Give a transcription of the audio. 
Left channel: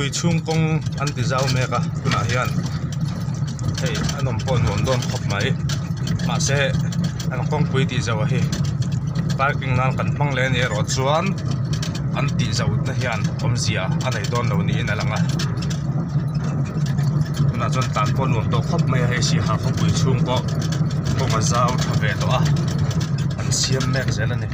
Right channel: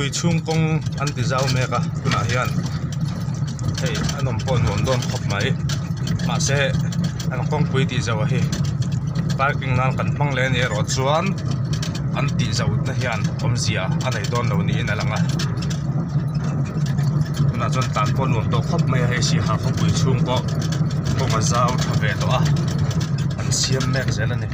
pui chung kong an ti zau me ka tuna hian hei anom pon mon don khop mai ma se an kong pui ti zau hi parking nan kan mang le ni ro chuan an ti zau na hian omzia anei don lo ni in alanga tuna chon tan pon mon to khop mai he si ha kong pui chung ko kong a zau tha ve to a an siam mek zel ani